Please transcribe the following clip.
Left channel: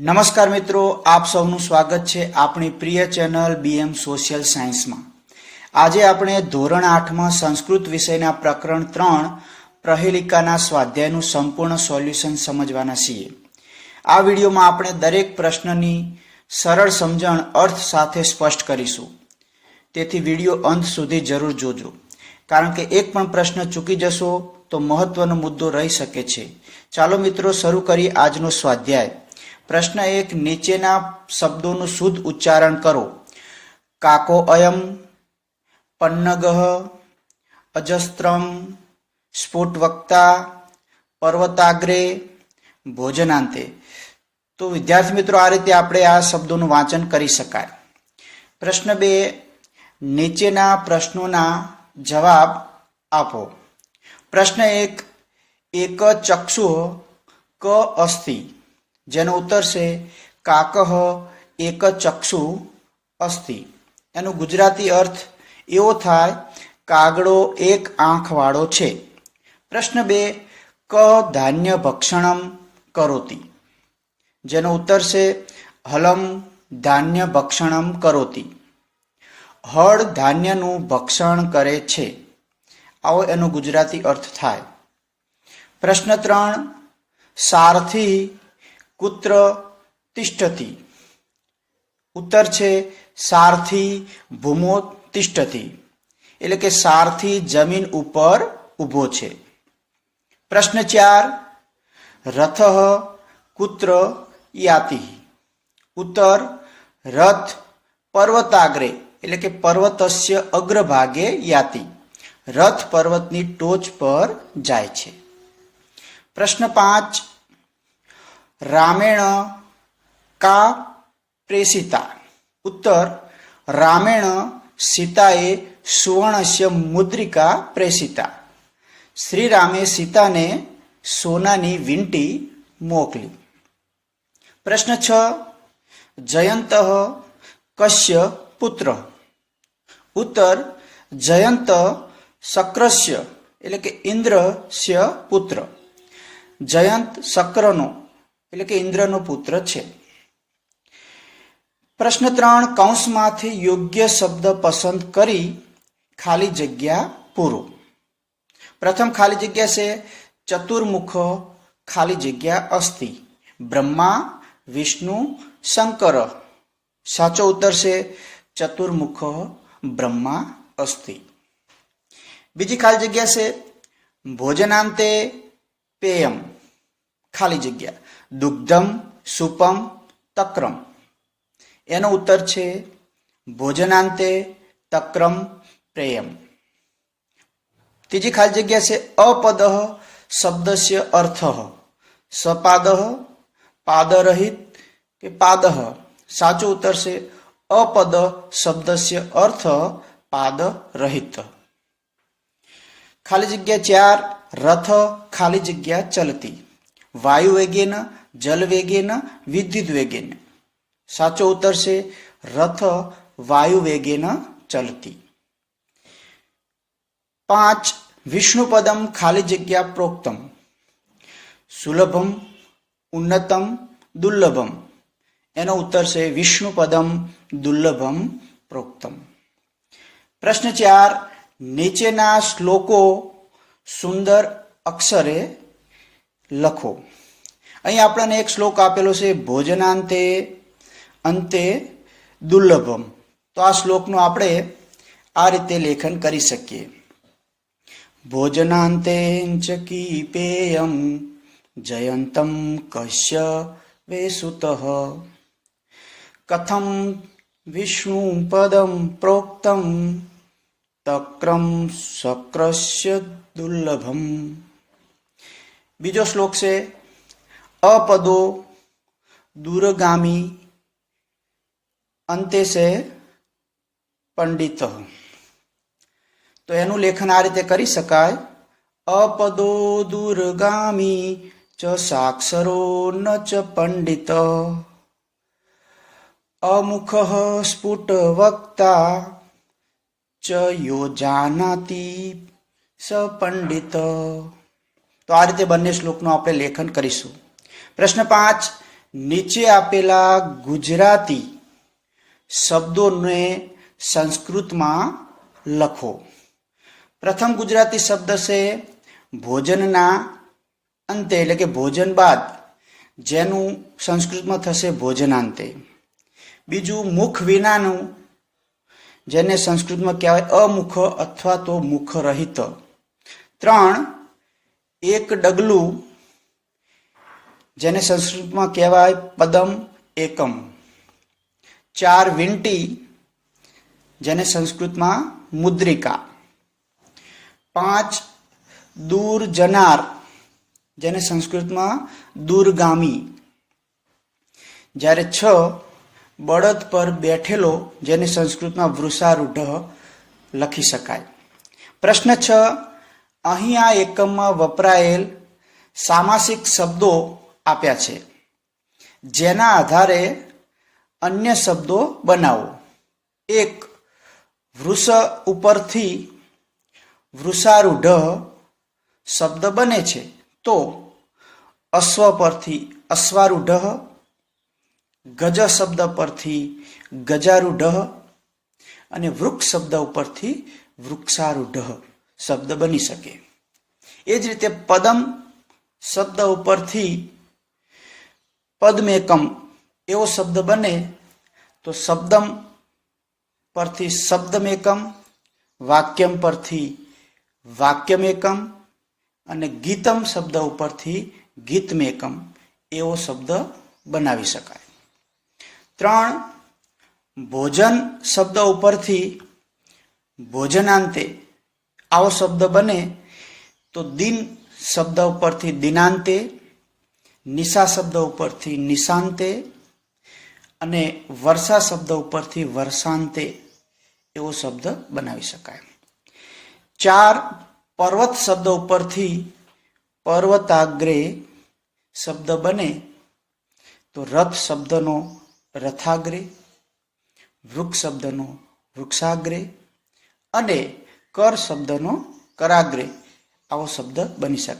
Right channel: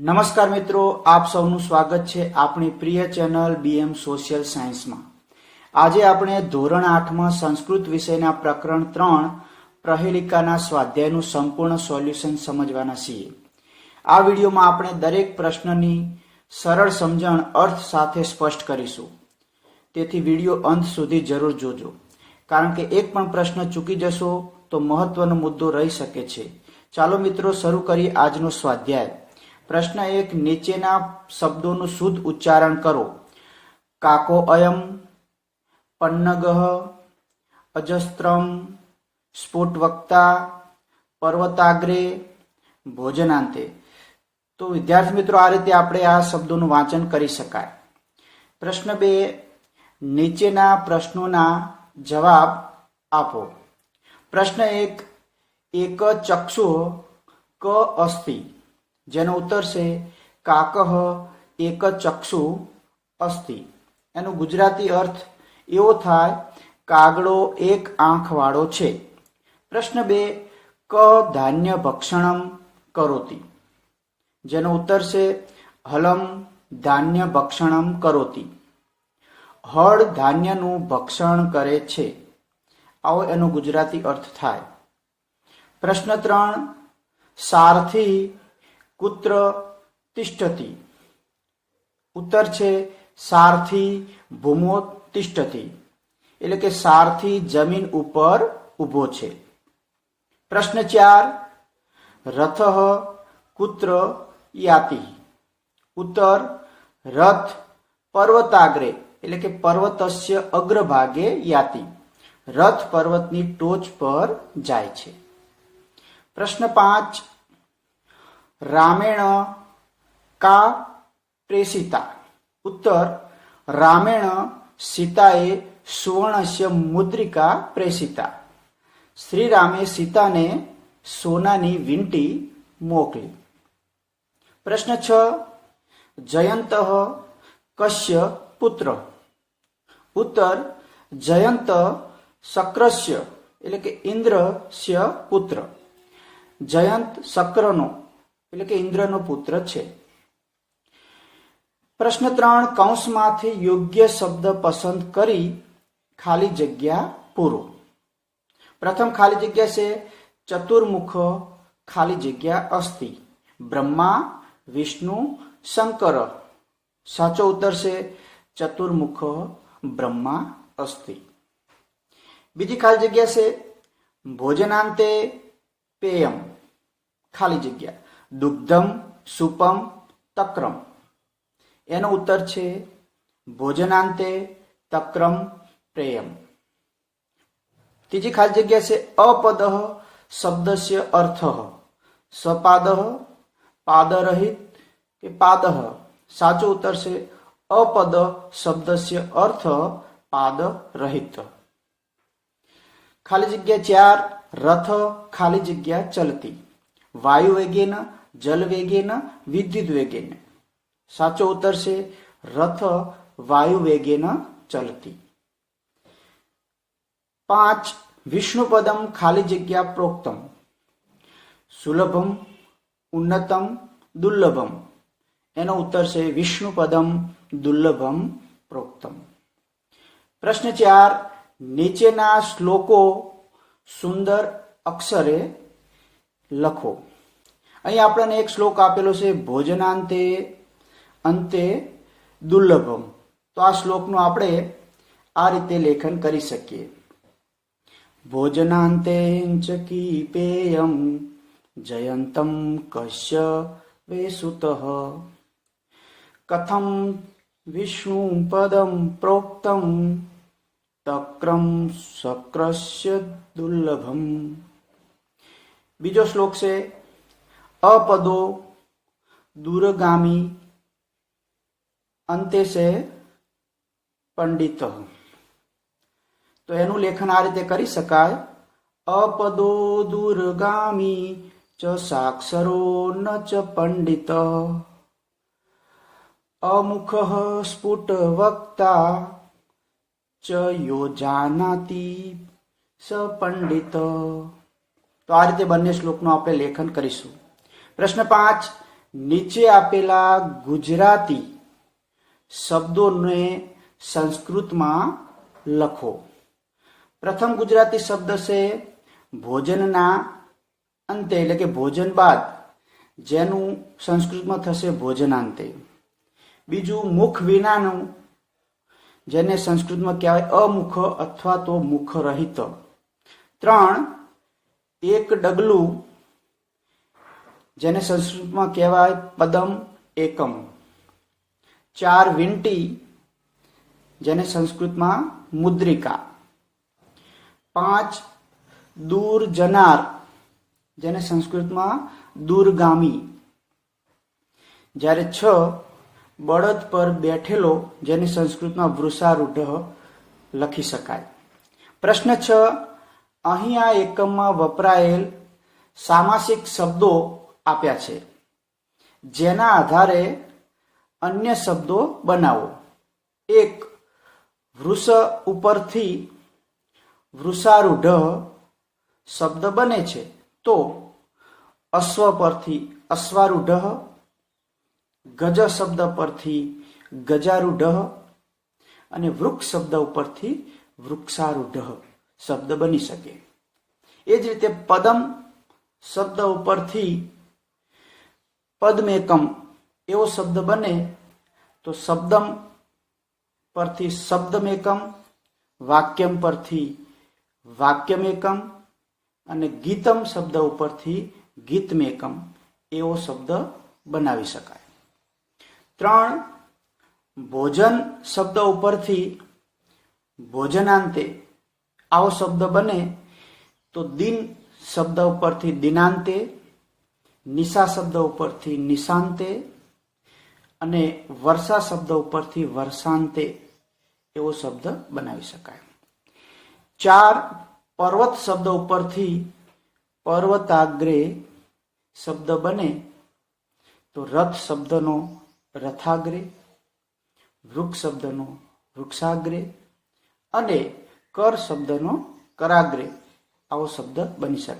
નમસ્કાર મિત્રો, આપ સૌનું સ્વાગત છે આપણી પ્રિય ચેનલ બીએમ સોશિયલ સાયન્સમાં. આજે આપણે ધોરણ 8માં સંસ્કૃત વિષયના પ્રકરણ 3 પ્રહેલિકાના સ્વાધ્યાયનું સંપૂર્ણ સોલ્યુશન સમજવાના છીએ. આ વિડીયોમાં આપણે દરેક પ્રશ્નની સરળ સમજણ અર્થ સાથે સ્પષ્ટ કરીશું. તેથી વિડીયો અંત સુધી જરૂર જોજો, કારણ કે એક પણ પ્રશ્ન ચૂકી જશો તો મહત્વનો મુદ્દો રહી શકે છે. ચાલો મિત્રો, શરૂ કરીએ આજનો સ્વાધ્યાય. પ્રશ્ન 1, નીચેના શબ્દોનું શુદ્ધ ઉચ્ચારણ કરો. કાકો અયમ, પન્નગઃ, અજસ્ત્રમ, સ્ફુટવક્તા, પર્વતાગ્રે, ભોજનાંતે. તો વિદ્યાર્થી મિત્રો, આ રીતે આપણે આ શબ્દોનું વાંચન કરી શકાય. પ્રશ્ન 2, નીચેના પ્રશ્નોના જવાબ આપો. પ્રશ્ન 1, એક ચક્ષુઃ ક અસ્તિ, જેનો ઉત્તર છે કાકઃ એક ચક્ષુ અસ્તિ. એનો ગુજરાતી અર્થ એવો થાય, કાગડો એક આંખવાળો છે. પ્રશ્ન 2, ક ધાન્ય ભક્ષણમ કરોતિ, જેનો ઉત્તર છે હલમ ધાન્ય ભક્ષણમ કરોતિ. હળ ધાન્યનું ભક્ષણ કરે છે, આવો એનો ગુજરાતી અર્થ થાય. પ્રશ્ન 3, સારથી કુત્ર તિષ્ઠતિ. ઉત્તર છે સારથી ભૂમો તિષ્ઠતિ, એટલે કે સારથી જમીન ઉપર ઊભો છે. પ્રશ્ન 4, રથઃ કુત્ર યાતિ. ઉત્તર રથ પર્વતાગ્રે, એટલે કે પર્વતસ્ય અગ્રભાગે યાતિ, રથ પર્વતની ટોચ પર જાય છે. પ્રશ્ન 5, રામેણ કા પ્રેષિતા. ઉત્તર રામેણ સીતાએ સુવર્ણસ્ય મુદ્રિકા પ્રેષિતા. શ્રી રામે સીતાને સોનાની વીંટી મોકલી. પ્રશ્ન 6, જયંત કસ્ય પુત્ર. ઉત્તર જયંત શક્રસ્ય, એટલે કે ઇન્દ્રસ્ય પુત્ર. જયંત શક્રનો, એટલે કે ઇન્દ્રનો પુત્ર છે. પ્રશ્ન 3, કૌંસમાંથી યોગ્ય શબ્દ પસંદ કરી ખાલી જગ્યા પૂરો. પ્રથમ ખાલી જગ્યા છે ચતુર્મુખ ખાલી જગ્યા અસ્તિ, બ્રહ્મા વિષ્ણુ શંકર. સાચો ઉત્તર છે ચતુર્મુખ બ્રહ્મા અસ્તિ. બીજી ખાલી જગ્યા છે ભોજનાંતે પેયમ, ખાલી જગ્યા દુગ્ધમ સુપમ તક્રમ. એનો ઉત્તર છે ભોજનાંતે તક્રમ પ્રેયમ. ત્રીજી ખાલી જગ્યા છે અપદ શબ્દસ્ય અર્થ, સપાદ પાદરહિત કે પાદ. સાચો ઉત્તર છે અપદ શબ્દસ્ય અર્થ પાદરહિત. ખાલી જગ્યા 4, રથ ખાલી જગ્યા ચલતી, વાયુ વેગેન, જલ વેગેન, વિદ્યુત વેગેન. સાચો ઉત્તર છે રથ વાયુ વેગેન ચલતી. 5, વિષ્ણુપદમ ખાલી જગ્યા પ્રોક્તમ, સુલભમ ઉન્નતમ દુર્લભમ. એનો ઉત્તર છે વિષ્ણુપદમ દુર્લભમ પ્રોક્તમ. પ્રશ્ન 4, નીચેના શ્લોકો સુંદર અક્ષરે લખો. અહીં આપણને એક શ્લોક આપેલો છે ભોજનાંતે અંતે દુર્લભમ. તો આ શ્લોકનું આપણે આ રીતે લેખન કરી શકીએ. ભોજનાંતે ચ કીપેયમ જયંતમ કશ્ય વેસુતઃ કથમ વિષ્ણુ પદમ પ્રોક્તમ તક્રમ શક્રસ્ય દુર્લભમ. બીજો શ્લોક છે અપદો દૂરગામી અંતે છે પંડિત. તો એનું લેખન આ રીતે કરી શકાય અપદો દૂરગામી ચ સાક્ષરો ન ચ પંડિત અમુખ સ્ફુટ વક્તા ચ યો જાનાતિ સ પંડિત. તો આ રીતે બંને શ્લોકનું આપણે લેખન કરીશું. પ્રશ્ન 5, નીચે આપેલા ગુજરાતી શબ્દોને સંસ્કૃતમાં લખો. પ્રથમ ગુજરાતી શબ્દ છે ભોજનના અંતે, એટલે કે ભોજન બાદ, જેનું સંસ્કૃતમાં થશે ભોજનાંતે. બીજું મુખ વિનાનું, જેને સંસ્કૃતમાં કહેવાય અમુખ અથવા તો મુખ રહિત. 3 એક ડગલું, જેને સંસ્કૃતમાં કહેવાય પદમ એકમ. 4 વીંટી, જેને સંસ્કૃતમાં મુદ્રિકા. 5 દૂર જનાર, જેને સંસ્કૃતમાં દૂરગામી. જ્યારે 6 બળદ પર બેઠેલો, જેને સંસ્કૃતમાં વૃષારૂઢ લખી શકાય. પ્રશ્ન 6, અહીં આ એકમમાં વપરાયેલ સામાસિક શબ્દો આપ્યા છે, જેના આધારે અન્ય શબ્દો બનાવો. 1 વૃષ ઉપરથી વૃષારૂઢ શબ્દ બને છે, તો અશ્વ પરથી અશ્વારૂઢ, ગજ શબ્દ પરથી ગજારૂઢ અને વૃક્ષ શબ્દ ઉપરથી વૃક્ષારૂઢ શબ્દ બની શકે. એ જ રીતે પદમ શબ્દ ઉપરથી પદ્મેકમ એવો શબ્દ બને તો શબ્દમ પરથી શબ્દમેકમ, વાક્યમ પરથી વાક્યમેકમ અને ગીતમ શબ્દ ઉપરથી ગીતમેકમ એવો શબ્દ બનાવી શકાય. 3 ભોજન શબ્દ ઉપરથી ભોજનાંતે આવો શબ્દ બને તો દિન શબ્દ ઉપરથી દિનાંતે, નિશા શબ્દ ઉપરથી નિશાંતે અને વર્ષા શબ્દ ઉપરથી વર્ષાંતે એવો શબ્દ બનાવી શકાય. 4 પર્વત શબ્દ ઉપરથી પર્વતાગ્રે શબ્દ બને તો રથ શબ્દનો રથાગ્રે, વૃક્ષ શબ્દનો વૃક્ષાગ્રે અને કર શબ્દનો કરાગ્રે આવો શબ્દ બની શકે.